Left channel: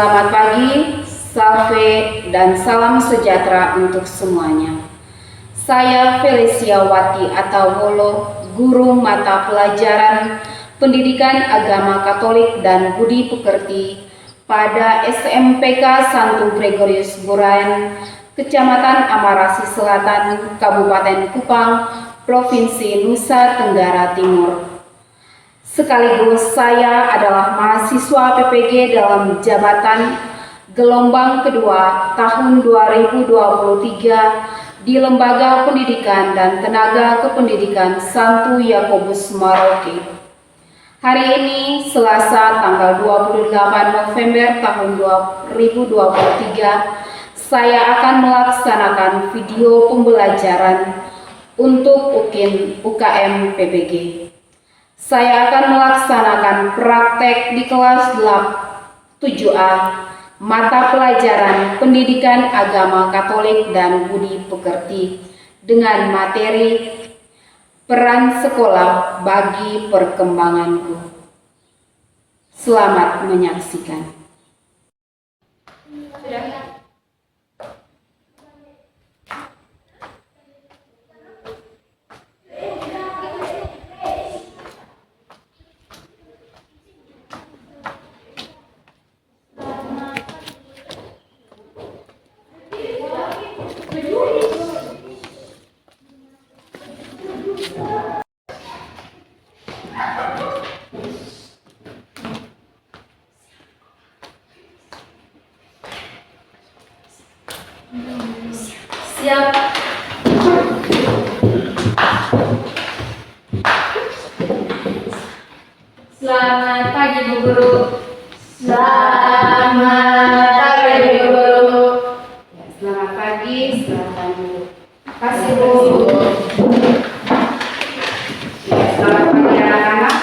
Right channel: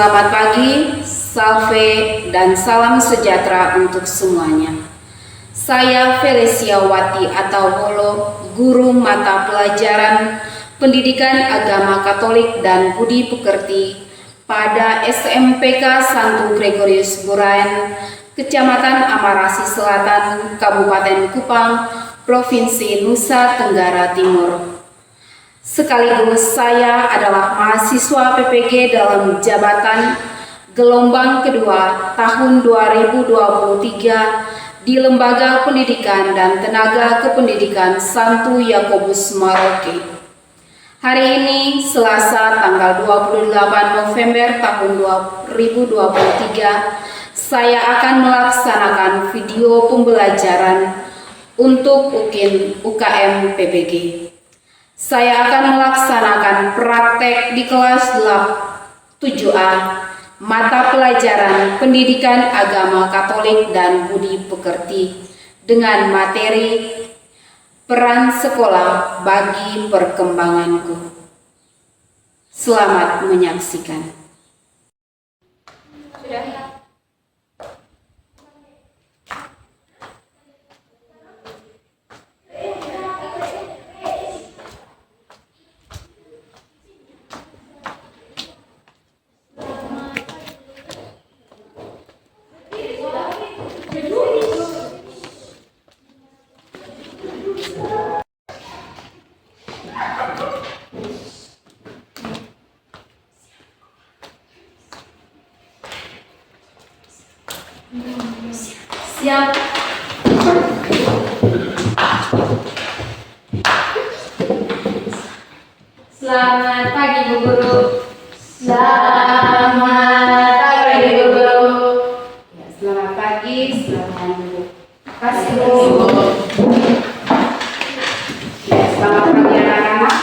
Selamat pagi, salve, dan salam sejahtera untuk semuanya. Saya Felicia Wati atau Wolo, guru mata pelajaran Pendidikan Agama Katolik dan Budi Pekerti pada SMPK Santo Gregorius Buraen, Kecamatan Amarasi Selatan, Kabupaten Kupang, Provinsi Nusa Tenggara Timur. Sekaligus saya adalah mahasiswa PPG dalam jabatan gelombang kedua tahun 2023 di Lembaga Pendidikan dan Tenaga Kependidikan Santo Yakobus Maroke. Hari ini Selasa tanggal 28 November tahun 2023, saya akan melaksanakan video pembelajaran untuk UKM PPG. Saya akan melaksanakan praktek di kelas 7A, mata pelajaran Pendidikan Agama Katolik dan Budi Pekerti dengan materi peran sekolah bagi perkembanganku. Selamat menyaksikan. Sudah. Siap. Selamat pagi Bu Guru. Selamat pagi Bu Guru. Ya, selamat pagi, selamat dulu. Kasih Bu. Ya, selamat pagi anak-anak.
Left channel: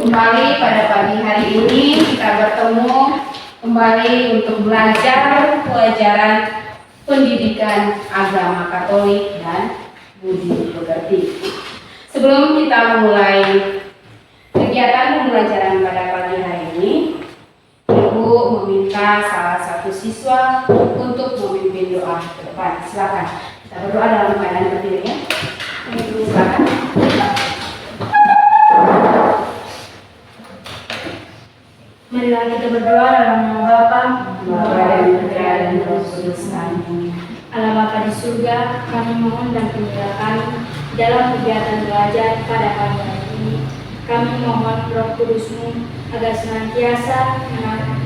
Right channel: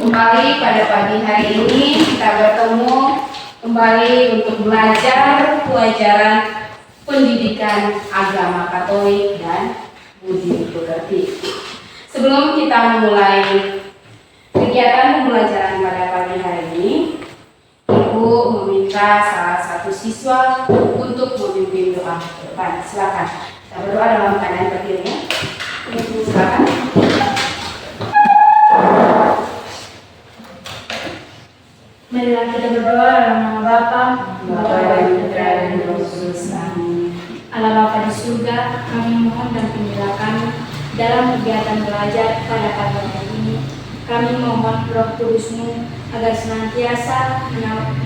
Kembali pada pagi hari ini kita bertemu kembali untuk belajar pelajaran Pendidikan Agama Katolik dan Budi Pekerti. Sebelum kita memulai kegiatan pembelajaran pada pagi hari ini, Ibu meminta salah satu siswa untuk memimpin doa ke depan. Silakan. Kita berdoa dalam keadaan berdiri ya. Silakan. Marilah kita berdoa dalam nama Bapa, Bapa dan Putra dan Roh Kudus. Amin. Allah Bapa di surga, kami mohon dan pimpinlah kami dalam kegiatan belajar pada pagi hari ini. Kami mohon Roh Kudus-Mu agar senantiasa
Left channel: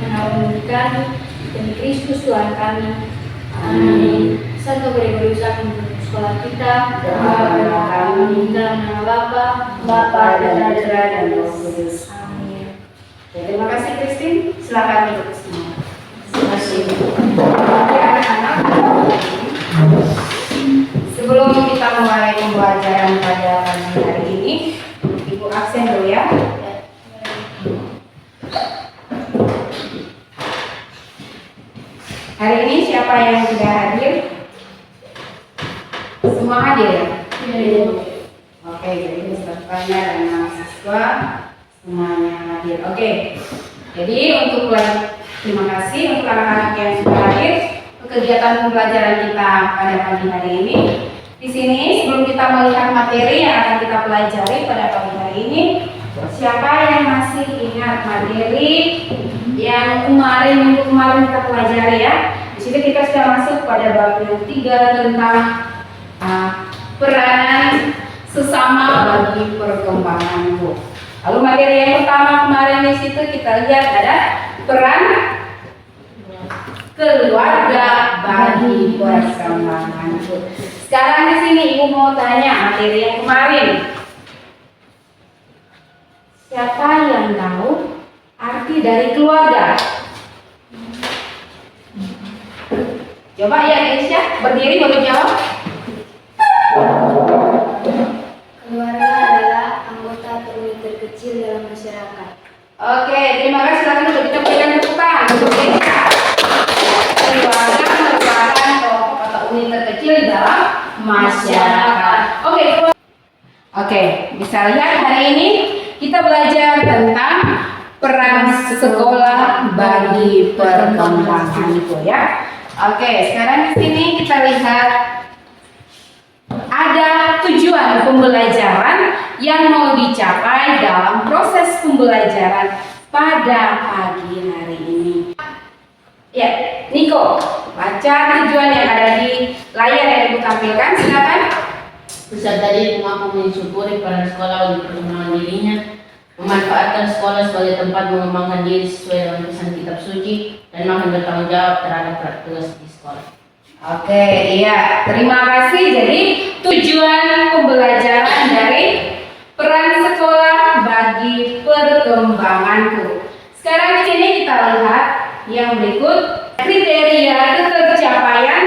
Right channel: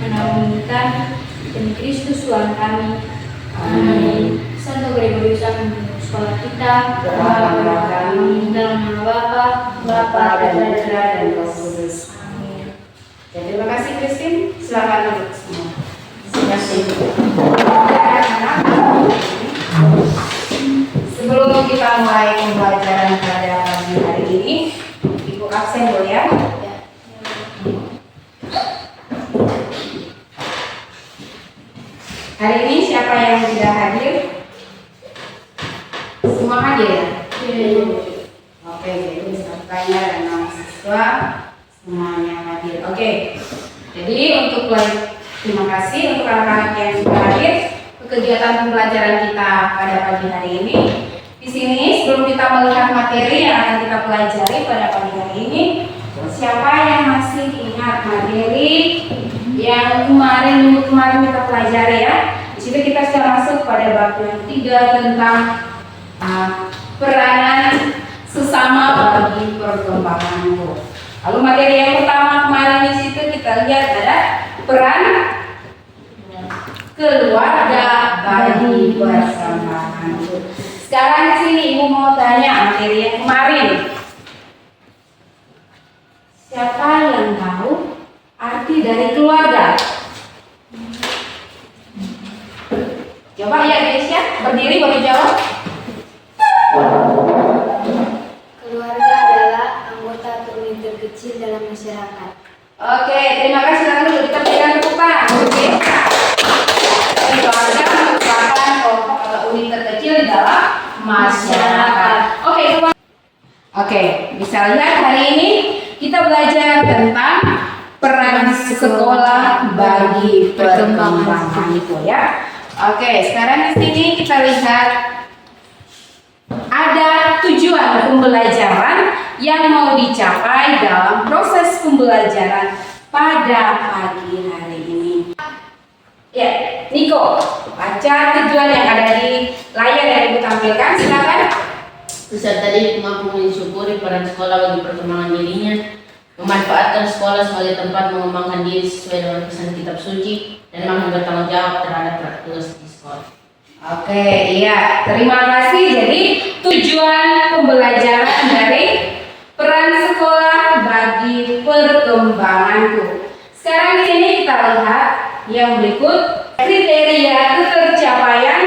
menaungi kami demi Kristus Tuhan kami. Amin. Santo Gregorius memimpin sekolah kita. Doakanlah kami Dalam nama Bapa, Bapa dan Putra dan Roh Kudus. Amin. Ya, terima kasih Christine. Silakan duduk semua. Terima kasih. Sebelum kita mulai pembelajaran pada pagi hari ini, Ibu absen dulu ya. Hari ini siapa yang tidak hadir? Semua hadir ya? Oke, jadi pesertanya dan mahasiswa semuanya hadir. Oke. Jadi terima kasih untuk anak-anak yang sudah hadir ke kegiatan pembelajaran kita pada pagi hari ini. Di sini sebelum kita melihat materi yang akan kita pelajari pada pagi hari ini, siapa yang masih ingat materi yang minggu kemarin kita pelajari ya? Di sini kita sudah masuk pada bab yang 3 tentang peranan sesama bagi perkembanganmu. Lalu materi yang pertama kemarin di situ kita lihat ada peran keluarga bagi perkembanganmu. Sekarang di sini Ibu mau tanya materi yang kemarin. Siapa yang tahu arti dari keluarga? Coba ya Aisyah, berdiri untuk jawab. Keluarga adalah anggota terkecil dalam masyarakat. Oke, terima kasih. Silakan duduk. Kita berikan tepukan. Keluarga merupakan kelompok atau unit terkecil di dalam masyarakat. Oke, bisa lihat hari ini kita belajar tentang peran sekolah bagi perkembangan itu ya. Oke, sekarang di sini kita lihat ada tujuan pembelajaran yang mau dicapai dalam proses pembelajaran pada pagi hari ini. Ya, Niko, baca tujuan yang ada di layar yang Ibu tampilkan, silakan. Peserta didik mampu mensyukuri peran sekolah bagi perkembangan dirinya, memanfaatkan sekolah sebagai tempat mengembangkan diri sesuai dengan pesan kitab suci, dan mampu bertanggung jawab terhadap tugas di sekolah. Oke, iya, terima kasih. Jadi tujuan pembelajaran dari peran sekolah bagi perkembanganku. Sekarang di sini kita lihat yang berikut kriteria ketercapaian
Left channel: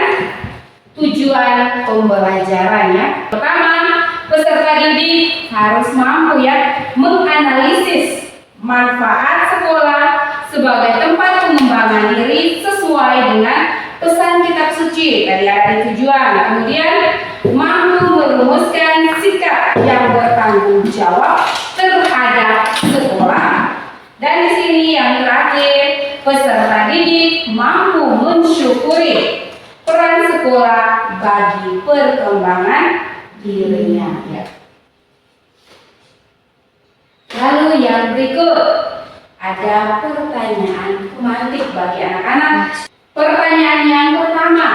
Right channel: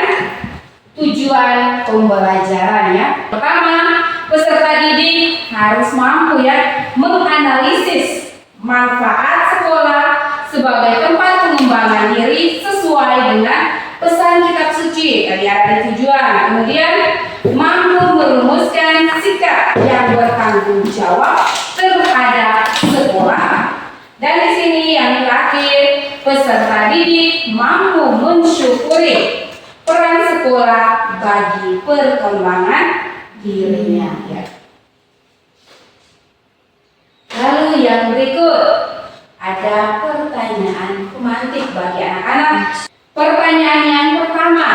tujuan pembelajaran ya. Pertama, peserta didik harus mampu ya menganalisis manfaat sekolah sebagai tempat pengembangan diri sesuai dengan pesan kitab suci. Tadi ada di tujuan. Kemudian mampu merumuskan sikap yang bertanggung jawab terhadap sekolah. Dan di sini yang terakhir, peserta didik mampu mensyukuri peran sekolah bagi perkembangan dirinya ya. Lalu yang berikut ada pertanyaan pemantik bagi anak-anak. Pertanyaan yang pertama,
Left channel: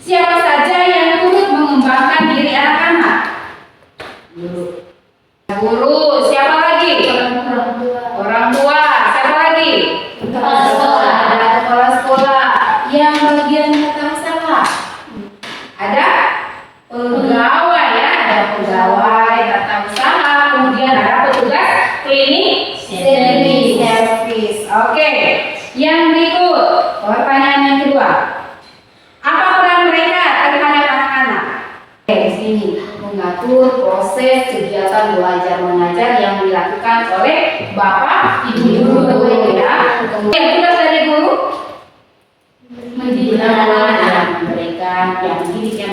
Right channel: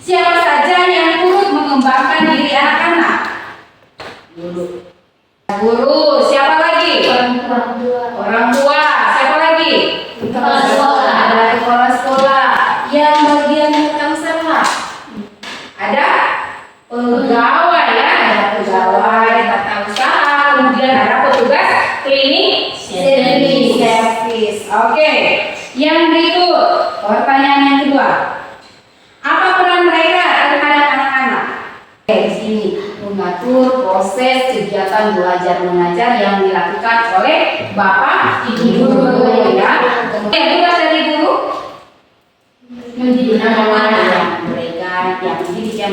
siapa saja yang turut mengembangkan diri anak-anak? Guru, siapa lagi? Orang tua. Orang tua, siapa lagi? Kepala sekolah. Ada kepala sekolah. Yang bagian tata usaha ada pegawai ya, ada pegawai tata usaha, kemudian ada petugas klinik servis. Oke, yang berikut pertanyaan yang kedua, apa peran mereka terhadap anak-anak? Di sini mengatur proses kegiatan belajar mengajar yang dilakukan oleh bapak ibu guru ya. Kemudian tugas dari guru mendidik anak-anak, mereka yang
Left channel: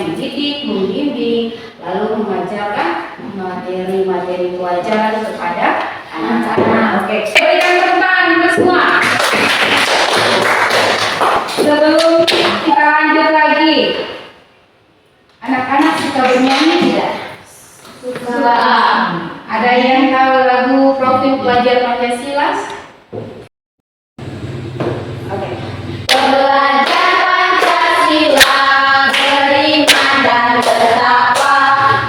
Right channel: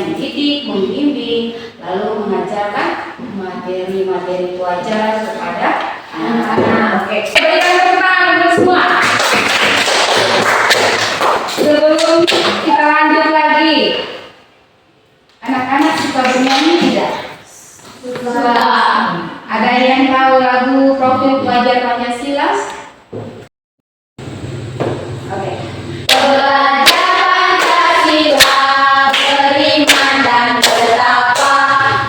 mendidik, membimbing, lalu mengajarkan materi-materi pelajaran kepada anak-anak. Oke, berikan tepuk tangan untuk semua. Sebelum kita lanjut lagi, anak-anak suka bernyanyi tidak? Suka. Ada yang tahu lagu Profil Pelajar Pancasila? Oke. Belajar Pancasila, beriman dan bertakwa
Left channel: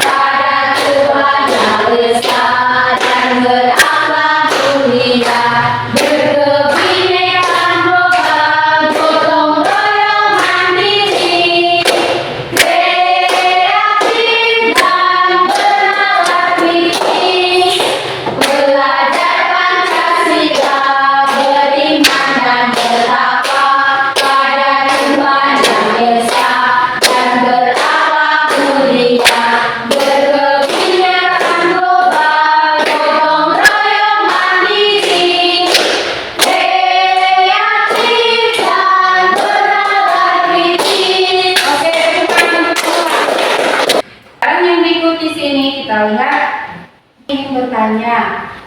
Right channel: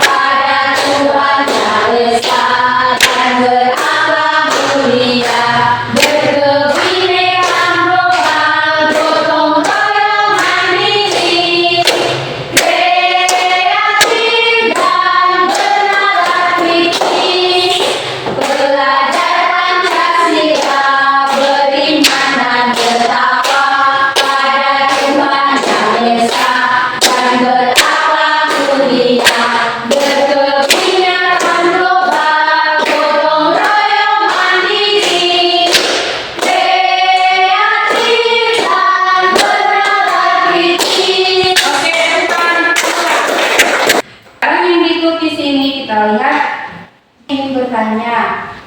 pada Tuhan Yang Esa dan berakhlak mulia, berkebinekaan global, gotong royong mandiri, kreatif dan bernalar kritis. Belajar Pancasila, beriman dan bertakwa pada Tuhan Yang Esa dan berakhlak mulia, berkebinekaan global, gotong royong mandiri, kreatif dan bernalar kritis. Oke, teman-teman. Sekarang yang berikut di sini kita lihat, ingin bertanya,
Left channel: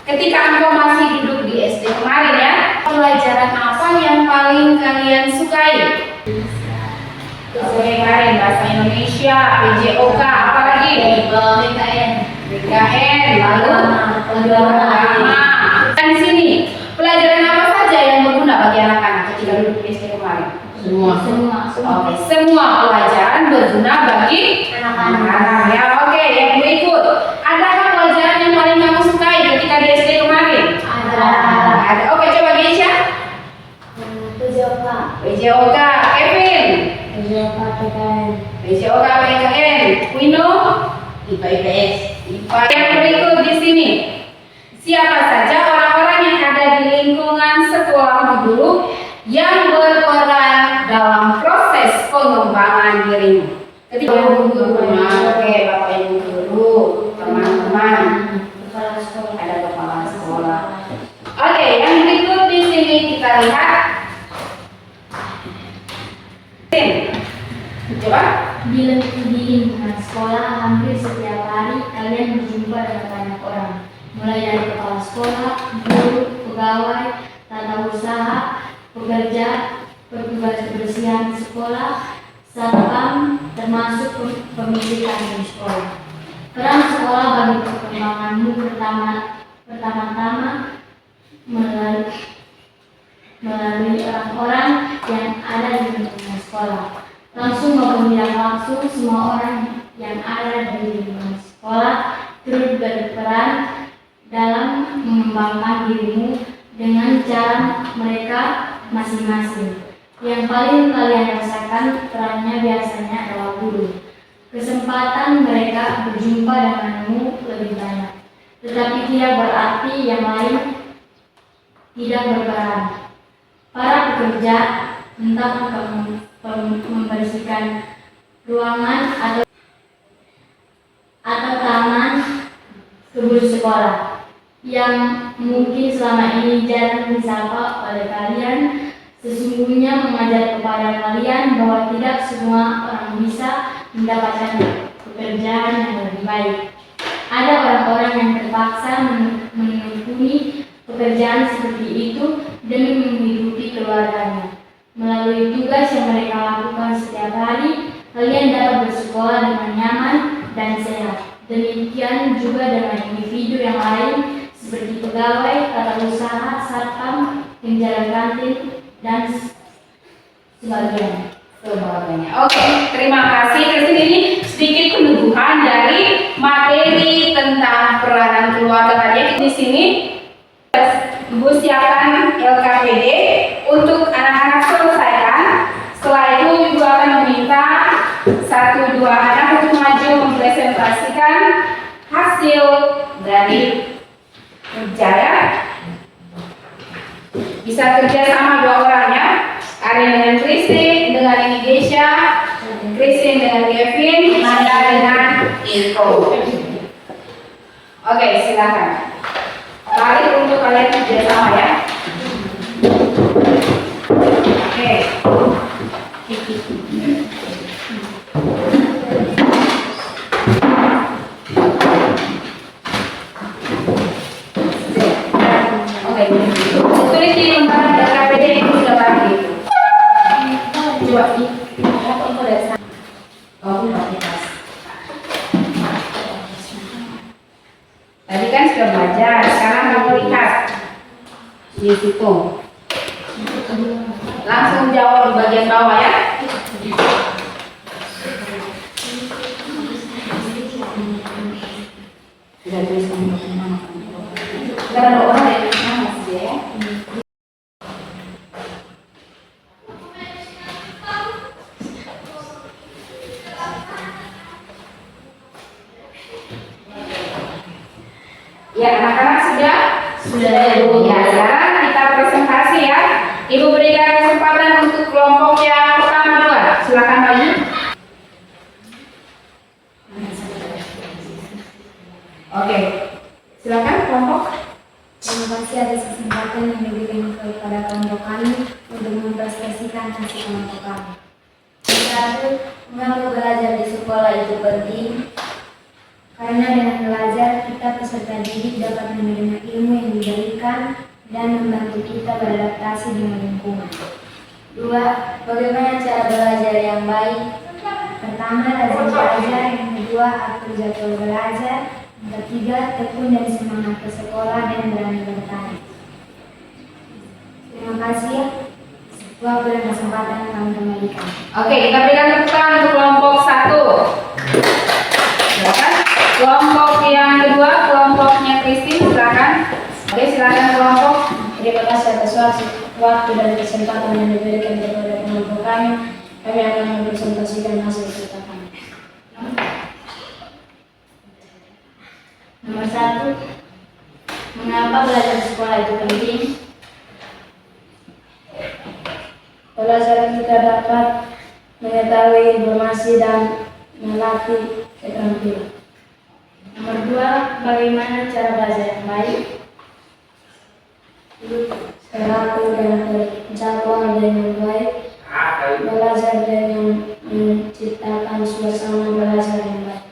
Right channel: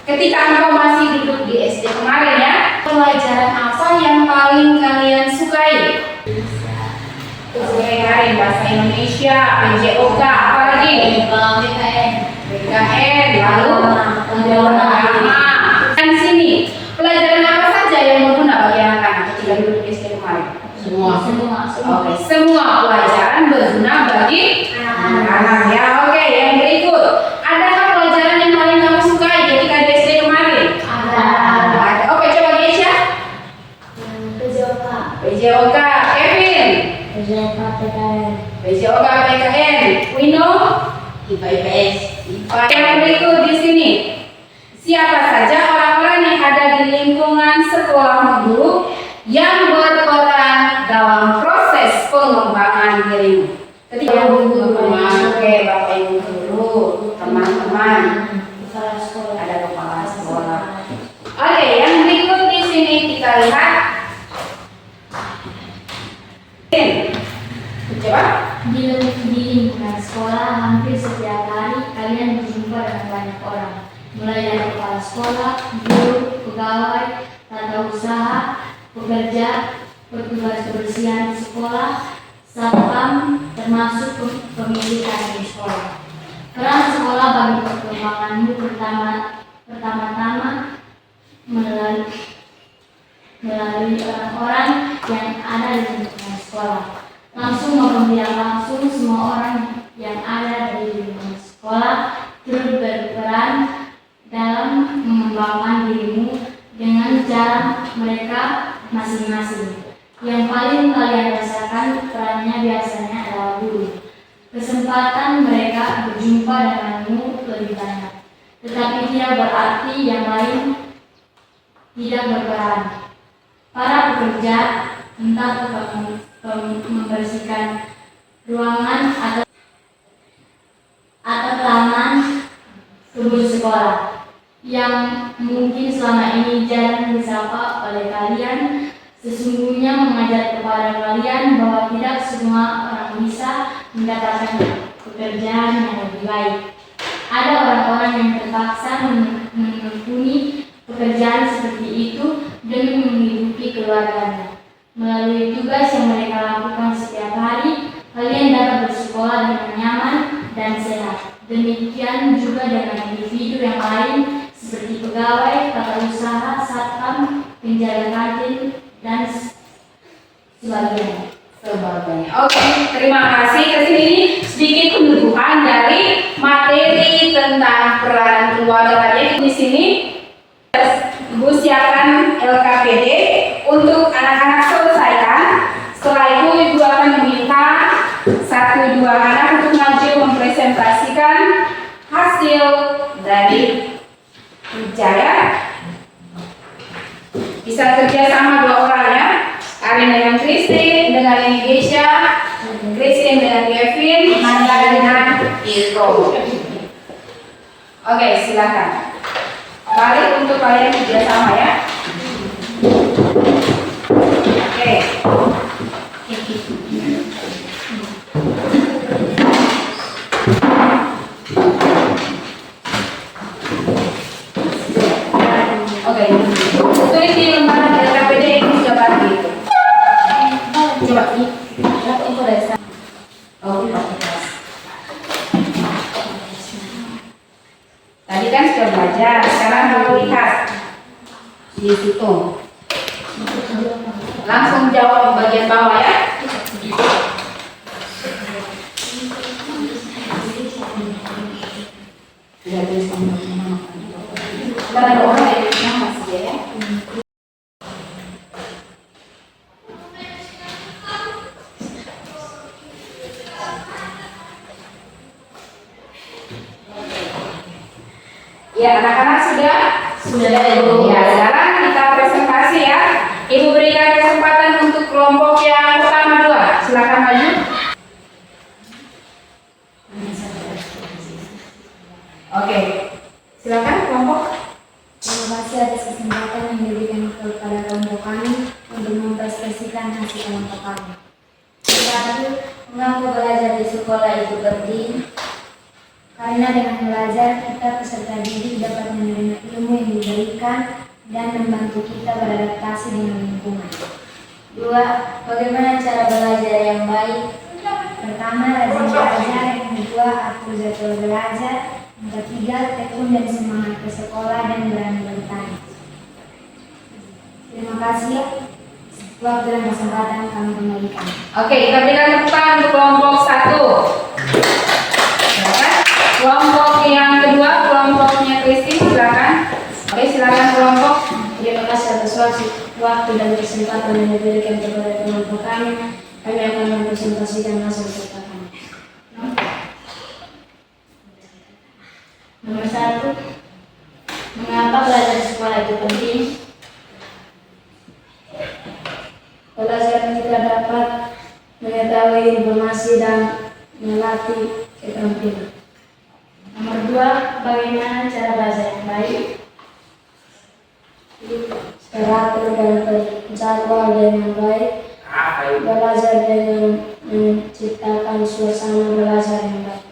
ketika engkau masih duduk di SD kemarin ya, pelajaran apa yang paling kalian sukai? Kemarin bahasa Indonesia, PJOK, apa lagi? BKN, lalu agama. Dan sini, pelajaran apa saja yang berguna bagi anak-anak ketika duduk di SD kemarin? Semua. Oke, semua pelajaran berguna bagi anak-anak ya. Oke, yang berikut, adakah pelajaran yang paling kamu sukai ketika di SD kemarin? Ada. Oke, coba Gesha. PJOK, Kevin. PJOK, PKN. Wino. IPA IPS. IPA. Yang berikut di sini, siapa saja orang-orang yang ada di lingkungan sekolahmu dulu yang berperan dalam proses pengembangan dirimu? Ketika guru, oke, bapak ibu guru, teman-teman, ada kepala sekolah. Oke, yang berikut di sini kita lihat. Coba. Di lingkungan sekolah hampir setiap hari kalian berjumpa dengan banyak orang, mulai dari kepala sekolah sekolah, guru, pegawai, tata usaha, pekerja, petugas kebersihan di sekolah, satpam, termasuk pemilikan di sekolah. Peran sekolah bagi perkembanganmu pertama-tama melalui orang-orang yang ada di lingkungan sekolah. Langsung maupun tidak langsung, semua orang yang ada di lingkungan sekolah turut berperan dalam mengembangkan dirimu dengan cara mereka masing-masing. Yang paling kalian rasakan perannya biasanya adalah guru. Kesempatan mereka berjumpa denganmu lebih banyak, tetapi tidak berarti yang lain tidak berperan. Para pekerja, entah membersihkan ruangan atau taman kebun sekolah, yang mungkin selama ini jarang disapa oleh kalian, sesungguhnya mengajar kepada kalian bahwa tidak semua orang bisa mendapatkan pekerjaan yang lebih baik. Ada orang-orang yang terpaksa menekuni pekerjaan seperti itu demi menghidupi keluarganya. Melalui tugas yang mereka lakukan setiap hari, kalian dapat bersekolah dengan nyaman dan sehat. Demikian juga dengan individu yang lain seperti pegawai, tata usaha, satpam, penjaga kantin, dan sebagainya. Oke, terima kasih. Kesini ini sedikit penutupan dari materi tentang peranan keluarga tadi. Di sini Ibu siapkan LKPD untuk anak-anak selesaikan. Setelah itu Ibu akan meminta 1-2 anak untuk maju mempresentasikan hasil dari kerja ya. Bisa kerja sama 2 orang ya. Arin dengan Christine, dengan Indonesia, Christine dengan Kevin, Manda dengan Iko. Oke, silakan. Balik untuk kalian kerja sama ya. Oke. Oke. Tulis di lembaran LKPD itu sudah bagi. Coba sih. Itu dari sana. Oh, ini pakai tas. Tadi kan sudah belajar, sekarang kamu lihat di situ. Langsung jawab di bagian bawah ya. Sudah tulis nama. Kita ada orang yang nama sih ya. Ya, anak-anak sudah Ibu. Ya, sekarang kita presentasi ya. Ibu berikan kesempatan untuk kelompok yang pertama 2. Silakan maju. Oke, silakan kelompok. Terima kasih atas kesempatan yang diberikan kepada kelompok kami untuk mempresentasikan hasil kelompok kami. Satu, mengapa belajar di sekolah itu penting? Karena dengan belajar, kita peserta didik dapat menerima ilmu yang diberikan dan membantu kita beradaptasi dengan lingkungan. 2. Bagaimana cara belajar yang baik? Pertama, rajin belajar. Yang kedua, atur jadwal belajar. Yang ketiga, tekun dan semangat ke sekolah dan berani bertanya. Terima kasih ya. Waktu dan kesempatan kami kembalikan. Oke, kita berikan tepuk tangan untuk kelompok 1. Silakan. Kelompok yang kedua, kelompoknya Christine, silakan. Oke, silakan kelompok. Terima kasih atas waktu dan kesempatan yang diberikan kepada kelompok kami. Kami akan mempresentasikan hasil kerja kami. Nomor 1, mengapa belajar sekolah itu penting? Belajar kita dapat mengetahui informasi dan melatih keterampilan. Nomor 2, bagaimana cara belajar yang baik? Teratur dan terjadwal dengan baik. Belajar dengan menciptakan suasana belajar yang baik.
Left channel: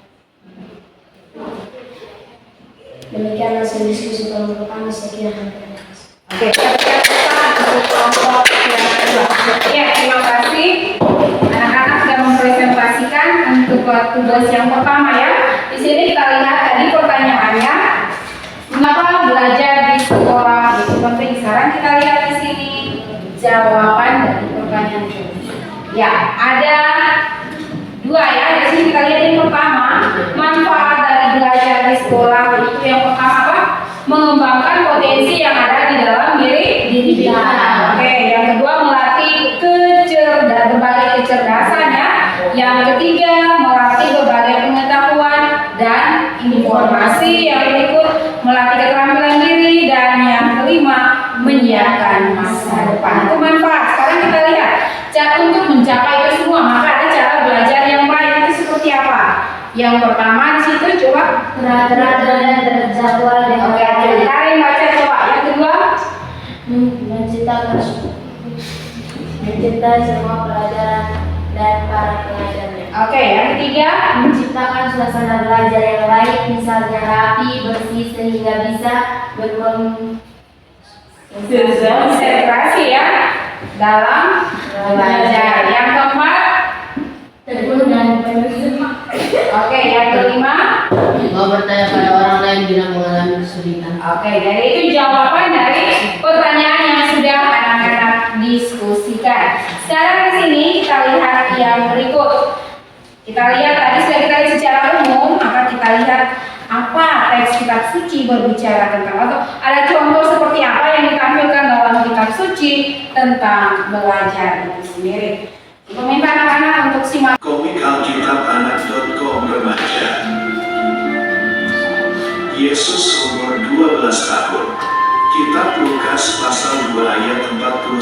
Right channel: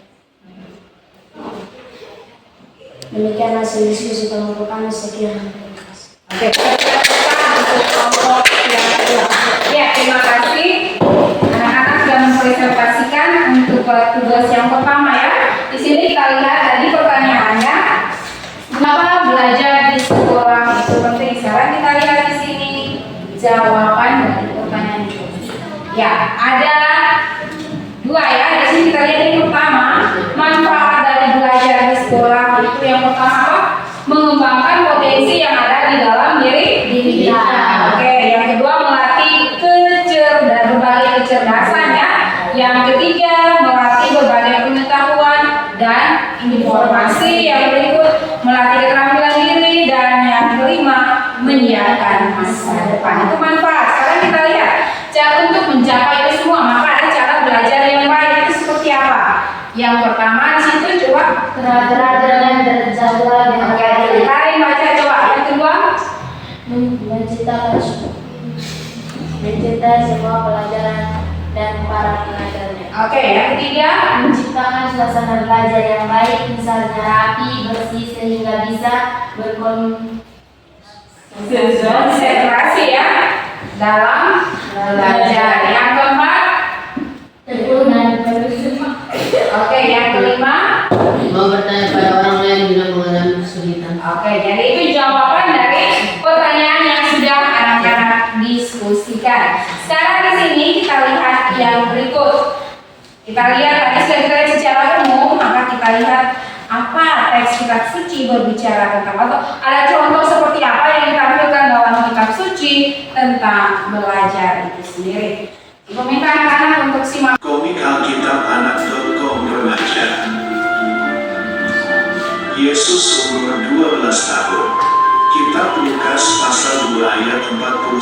Demikian hasil diskusi kelompok kami. Sekian. Terima kasih. Oke, kita untuk kelompok yang kedua. Ya, terima kasih. Anak-anak sudah mempresentasikan untuk tugas yang pertama ya. Di sini kita lihat tadi pertanyaannya, mengapa belajar di sekolah itu penting. Sekarang kita lihat di sini jawaban dari pertanyaan itu. Ya, ada dua ya. Di sini kita lihat yang pertama, manfaat dari belajar di sekolah itu yang pertama apa? Mengembangkan potensi yang ada di dalam diri kita. Oke, yang kedua melatih berbagai kecerdasan ya. Yang ketiga melatih berbagai pengetahuan dan informasi. Yang berikut melatih keterampilan diri, dan yang kelima menyiapkan masa depan. Itu manfaat. Sekarang kita lihat cara untuk mencapai itu semua, maka ada cara belajar yang baik itu seperti apa? Yang pertama di situ coba Teratur dan terjadwal dengan oke, baik. Karin baca coba. Yang kedua Mencintai semua pelajaran dan para pengajarnya. oke, yang ketiga Menciptakan suasana belajar yang baik, misalnya rapi, bersih sehingga bisa konsentrasi ya dalam belajar. Yang keempat tekun dan penuh. oke, yang kelima Mau bertanya pada orang lain bila mengalami kesulitan. oke, jadi itu jawaban dari pertanyaan yang sudah anak-anak diskusikan. Sekarang di sini kita lihat yang berikut. Kita lihat tadi sudah kita lihat secara umum, maka kita lihat apa teks kitab suci berbicara tentang, atau ada contoh seperti apa yang ditampilkan dalam kitab suci tentang belajar itu sendiri. Ibu minta anak-anak untuk simak. Komik Alkitab.anak.com remaja. Yesus umur 12 tahun. Kitab Lukas pasal 2 ayat 41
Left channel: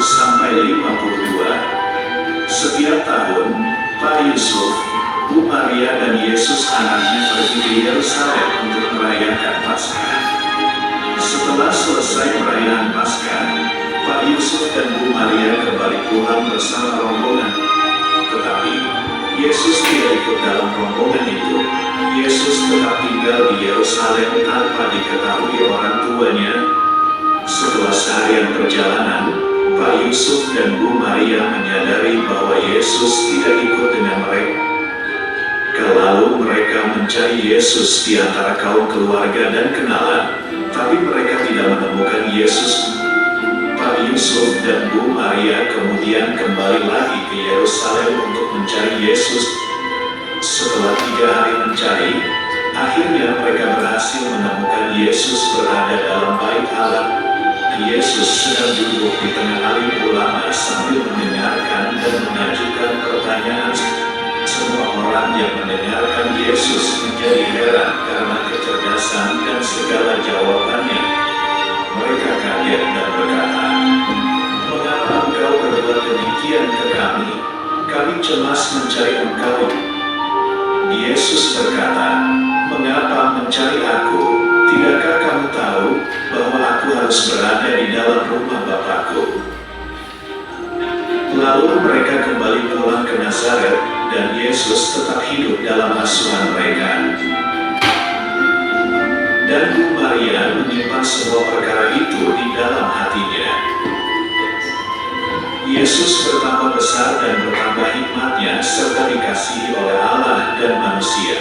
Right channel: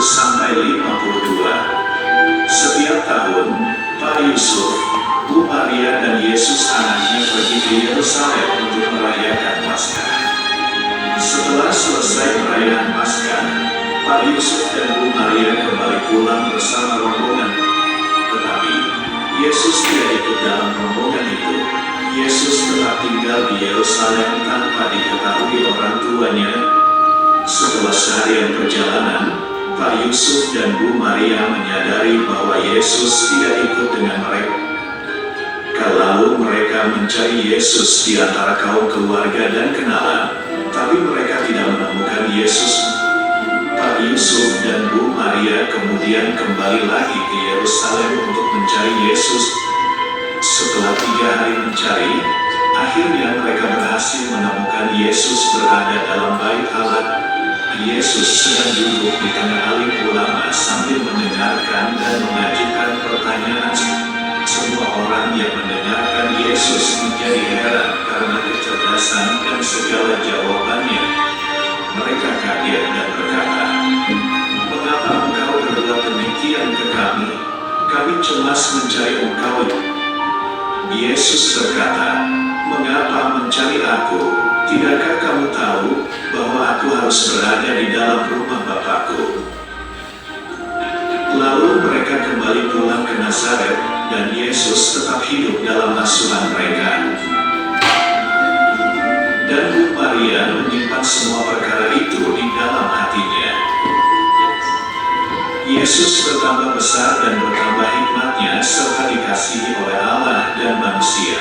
sampai 52. Setiap tahun, Pak Yusuf, Bu Maria dan Yesus anaknya pergi ke Yerusalem untuk merayakan Paskah. Setelah selesai perayaan Paskah, Pak Yusuf dan Bu Maria kembali pulang bersama rombongan. Tetapi Yesus tidak ikut dalam rombongan itu. Yesus tetap tinggal di Yerusalem tanpa diketahui orang tuanya. Setelah seharian perjalanan, Pak Yusuf dan Bu Maria menyadari bahwa Yesus tidak ikut dengan mereka. Lalu mereka mencari Yesus di antara kaum keluarga dan kenalan, tapi mereka tidak menemukan Yesus. Pak Yusuf dan Bu Maria kemudian kembali lagi ke Yerusalem untuk mencari Yesus. Setelah 3 hari mencari, akhirnya mereka berhasil menemukan Yesus berada dalam bait Allah. Yesus sedang duduk di tengah alim ulama sambil mendengarkan dan mengajukan pertanyaan. Semua orang yang mendengarkan Yesus menjadi heran karena kecerdasan dan segala jawabannya. Mereka kaget dan berkata, "Mengapa engkau berbuat demikian ke kami? Kami cemas mencari engkau." Yesus berkata, "Mengapa mencari aku? Tidakkah kamu tahu bahwa aku harus berada di dalam rumah Bapakku?" Lalu mereka kembali pulang ke Nazaret, dan Yesus tetap hidup dalam asuhan mereka. Dan Bu Maria menyimpan semua perkara itu di dalam hatinya. Yesus bertambah besar dan bertambah hikmatnya serta dikasihi oleh Allah dan manusia.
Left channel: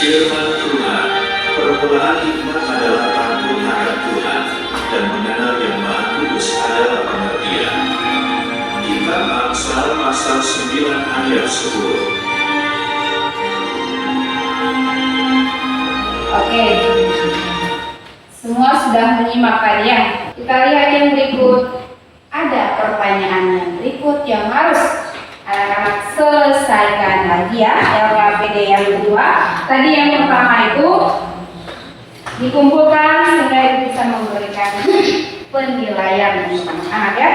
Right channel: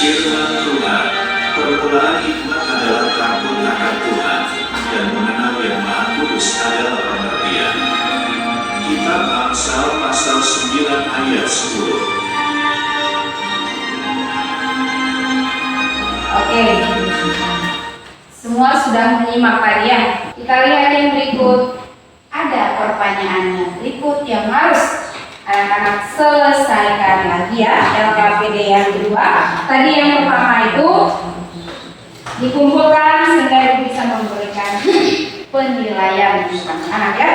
Firman Tuhan, permulaan hikmat adalah takut akan Tuhan, dan mengenal Yang Maha Kudus adalah pengertian. Kitab Amsal pasal 9 ayat 10. Oke, semua sudah menyimak tadi ya. Kita lihat yang berikut. Ada pertanyaan yang berikut yang harus anak-anak selesaikan lagi ya. LKPD yang kedua. Tadi yang pertama itu dikumpulkan sehingga itu bisa memberikan penilaian untuk anak ya.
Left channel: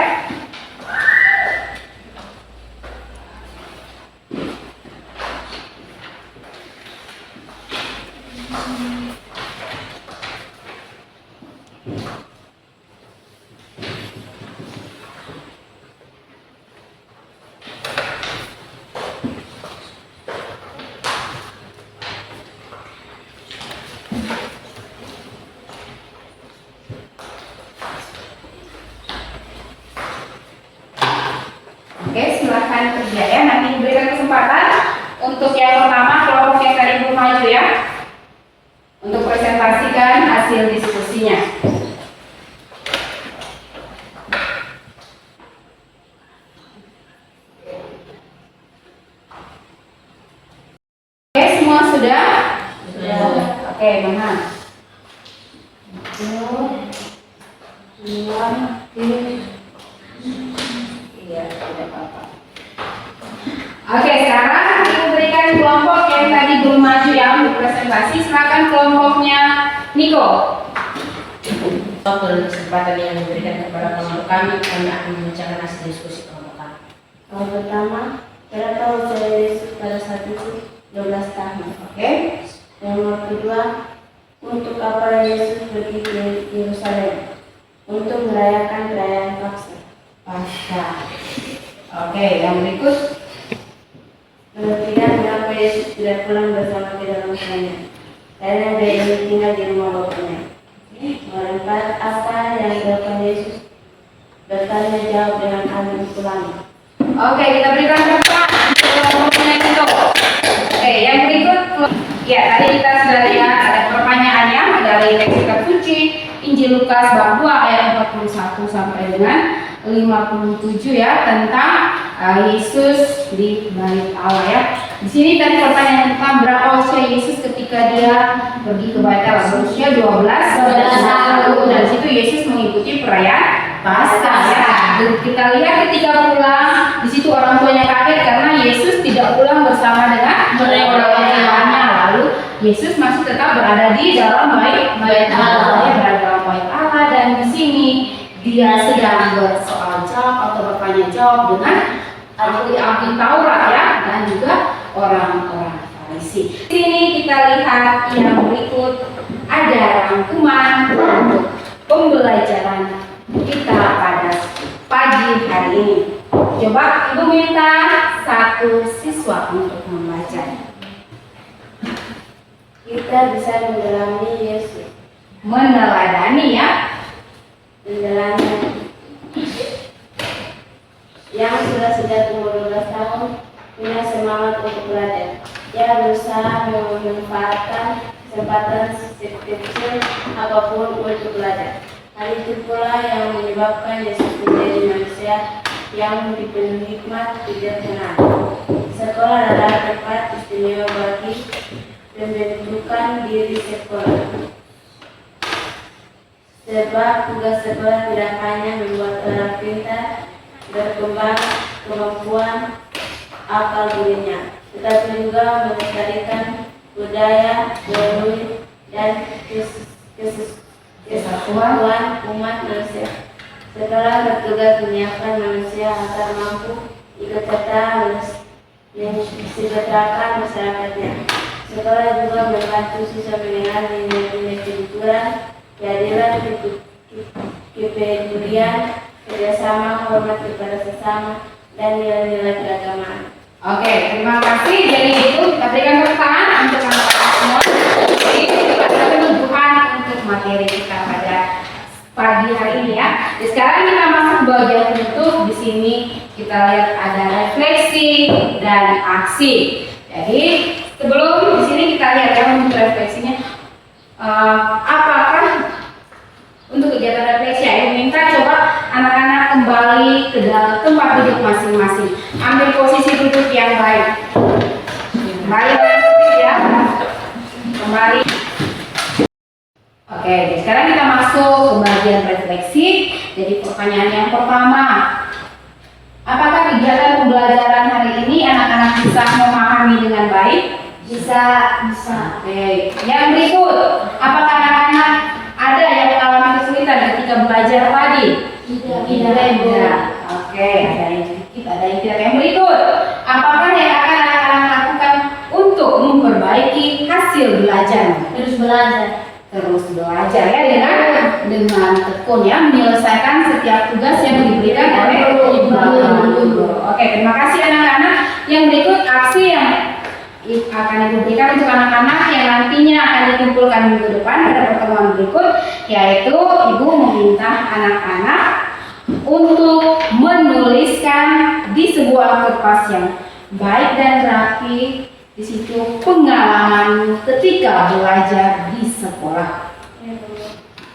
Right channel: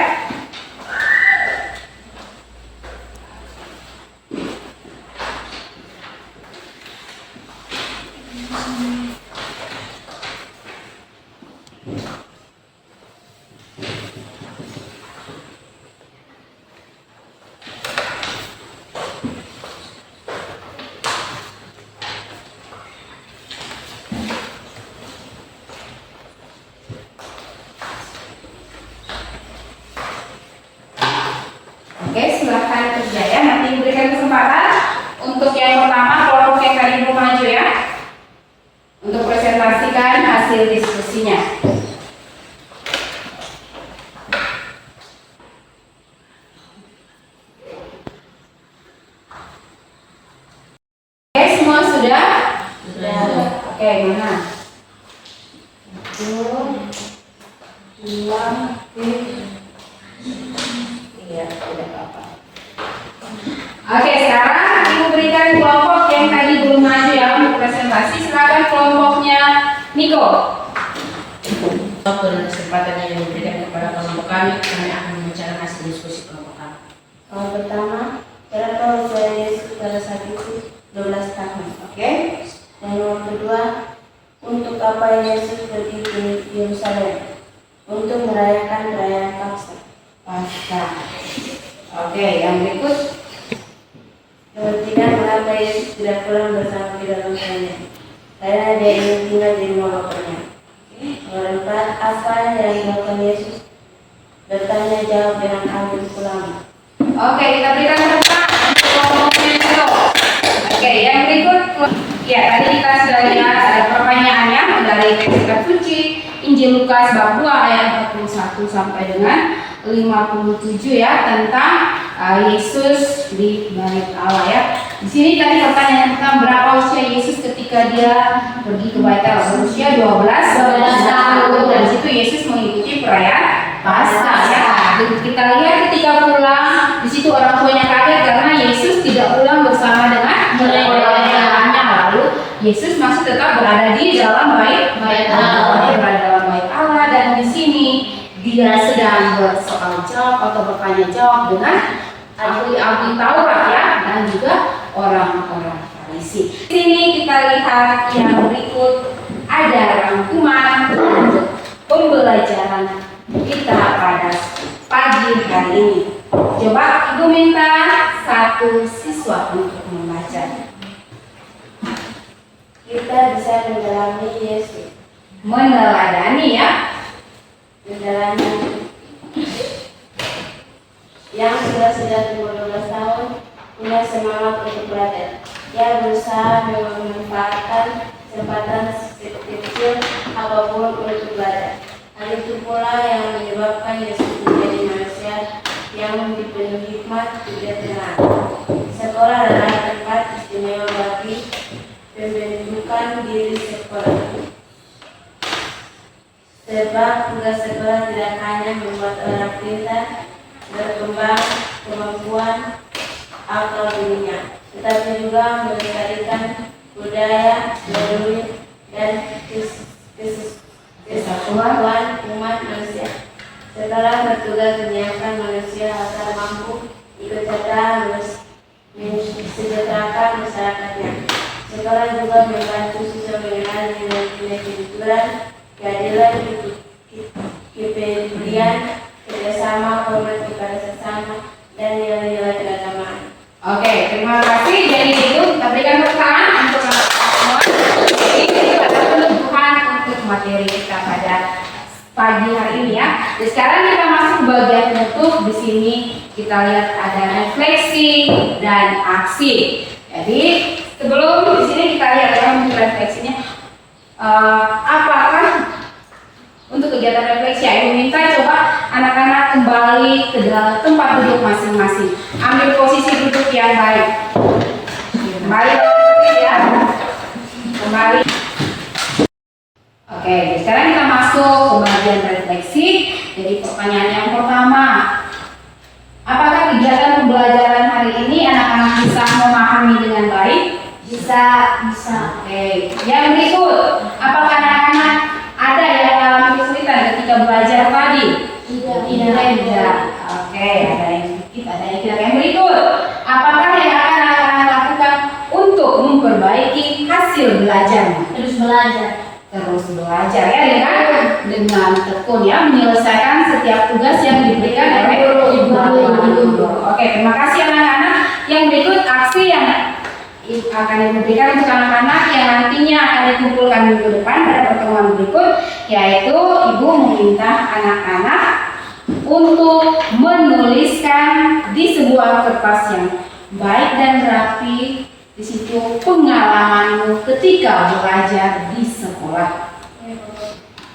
hasil diskusinya. Oke, semua sudah? Sudah. Oke, mana? 1, 2, 3. Iya, tidak apa-apa. Oke, sekarang aku berikan kelompok yang tadi belum maju ya untuk presentasi. Silakan kelompoknya Niko. Waktu dan kesempatan yang diberikan kepada kelompok kami akan membicarakan hasil diskusi kelompok kami. Yang pertama, berapa usia Yesus pada saat itu? 12 tahun. Oke. Yang kedua, untuk apa Yesus pergi ke Yerusalem? Untuk merayakan perayaan Paskah. Oke, yang berikut. Yang ketiga, mengapa Yesus tidak pulang bersama kedua orang tuanya? Karena dia ingin tinggal di rumah bapaknya. Yang keempat, apa yang dilakukan Yesus? Bertanya jawab dengan ambil pulang. Oke, kita berikan tepuk tangan untuk kelompoknya Niko. Oke, yang berikut. Ya, tadi kita sudah lihat ada pertanyaannya dari teks kitab suci Injil Lukas bab 2 ayat 41 sampai dengan 57 ya, tentang Yesus di bait Allah ya. Di sini tadi pertanyaan tentang berapa usia Yesus ketika dia pergi ke bait Allah. Berusia 12 tahun. Dan di situ Yesus mengikuti perayaan Paskah ya. Dan kita lihat ketika pulang, di situ orang tuanya kaget karena Yesus tidak pulang bersama dengan orang-orangnya. Lalu Yesus masih tetap berada di dalam bait Allah. Dia berada dalam bait Allah, dan di sini dia sedang bersoal jawab atau bertanya jawab dengan ahli-ahli Taurat ya, dan juga orang-orang Farisi. Di sini kita lihat yang berikut ada rangkuman untuk pembelajaran kita pada pagi hari ini. Coba Ibu minta satu siswa untuk membaca. Kita bisa mengalami Yesus. Meneladani ya. Menjalani yang sudah umur 12 tahun punya semangat untuk belajar. Dia berusaha memanfaatkan kesempatan kecil apapun untuk belajar. Hal itu pula yang menyebabkan Yesus menjadi manusia yang dipenuhi hikmat bijaksana. Sekolah adalah tempat istimewa bagi pembentukan diri sekolah. Sebab tugas sekolah tidak hanya membuat orang pintar, berkembang kemampuan akal budinya, tetapi juga melestarikan budaya, naluri, dan kesatuan umat manusia. Setelah bertugas menyiapkan manusia agar mampu ikut serta mensejahterakan masyarakatnya. Sekolah juga membantu siswa mengenal nilai-nilai kejujuran, keadilan, kepedulian, kerjasama, hormat kepada sesama, dan nilai-nilai keagamaan. Oke, terima kasih. Jadi itu kita berikan tepuk tangan untuk anak-anak semua. Ini adalah penutupan untuk materi kita pada pagi hari ini ya. Jadi sekarang kita masuk ke bagian penutup. Di sini kita lihat ada refleksi dan aksi. Jadi sebelum di sini kita lihat ya untuk refleksinya. Apakah untuk kegiatan refleksi ya, minta coba anak-anak kembali ke dalam tempat duduk masing-masing. Ambil posisi duduk yang baik. Kembali ya. Kembali. Oke, sekarang kita masuk ke bagian refleksi. Jadi pertanyaan yang pertama, apakah kegiatan pembelajaran hari ini anak-anak bisa memahami dengan baik? Bisa. Oke. Yang berikut, apakah anak-anak ada yang mengalami kesulitan ketika belajar tadi? Tidak. Oke, ada yang sedikit, ada yang tidak. Yang berikut, apakah yang akan anak-anak lakukan untuk memperbaiki hasil belajarnya? Terus belajar ya, dengan tekun ya, menyelesaikan setiap tugas yang diberikan oleh guru. Oke, terima kasih anak-anak. Yang berikut aksi yang akan diberikan untuk anak-anak yang nantinya akan dikumpulkan minggu depan pada pertemuan berikut, yaitu Ibu meminta anak-anak untuk menuliskan di sebuah kertas yang baik dan rapi di situ pengalamanmu ketika belajar di sekolah.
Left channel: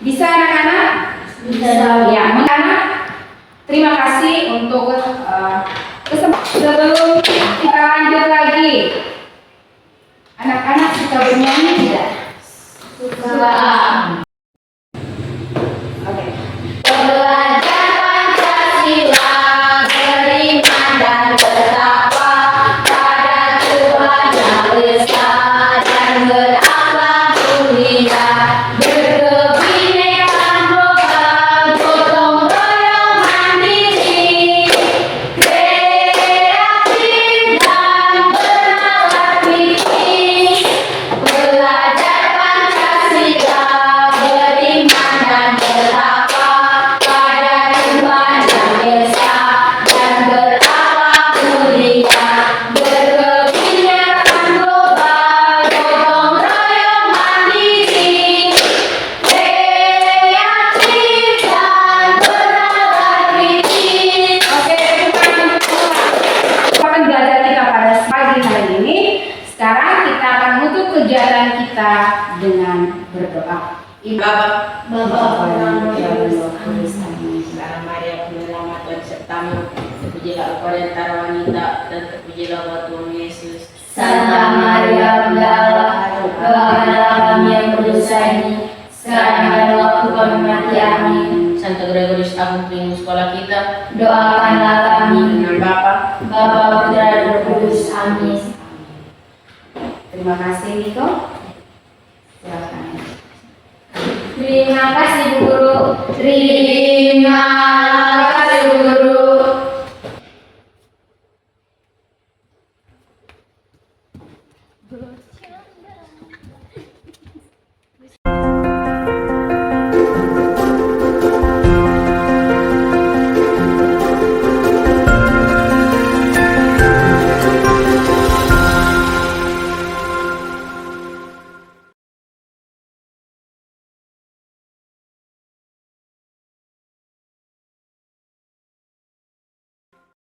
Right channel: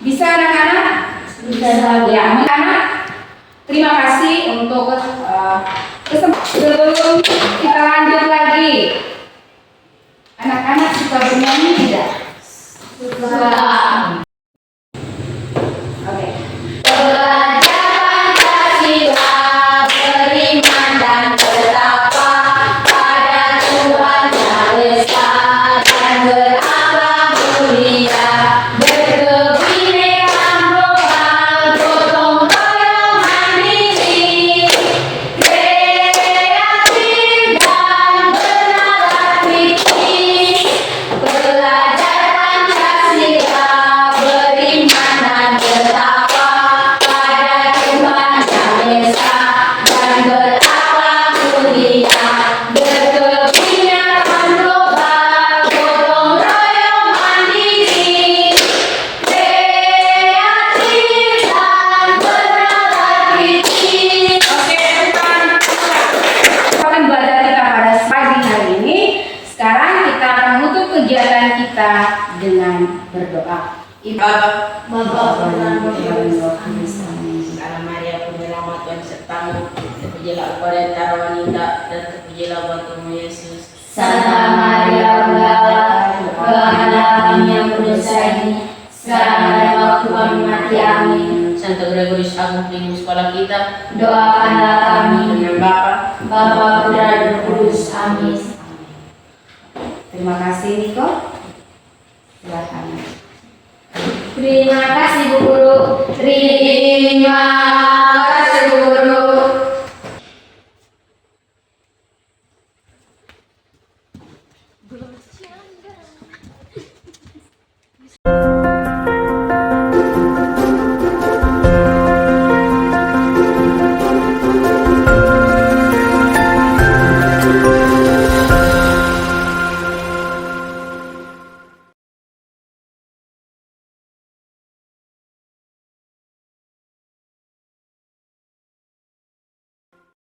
Bisa anak-anak? Bisa. Ya, anak-anak. Terima kasih untuk kesempatan. Sebelum kita lanjut lagi, anak-anak suka bernyanyi tidak? Suka. Oke. Belajar Pancasila, beriman dan bertakwa pada Tuhan Yang Esa dan berakhlak mulia, berkebinekaan global, gotong royong mandiri, kreatif dan bernalar kritis. Belajar Pancasila, beriman dan bertakwa pada Tuhan Yang Esa dan berakhlak mulia, berkebinekaan global, gotong royong mandiri, kreatif dan bernalar kritis. Oke, teman-teman. Akan belajar kita pada pagi hari ini. Sekarang kita akan menutup kegiatan kita dengan berdoa. Bapa, Sekarang Maria penyelamat Tuhan sertamu, terpujilah engkau di antara wanita dan terpujilah buah Tuhan Yesus. Santa Maria Bunda Allah, doakanlah kami yang berdosa ini, sekarang dan waktu kami mati. Amin. Santo Gregorius Agung Pemimpin sekolah kita, Doakanlah kami. dengan Bapa, Bapa, Putra, dan Roh Kudus. Amin. Terima kasih Niko. Silakan. Terima kasih Bu Guru. terima kasih guru. Belum siap.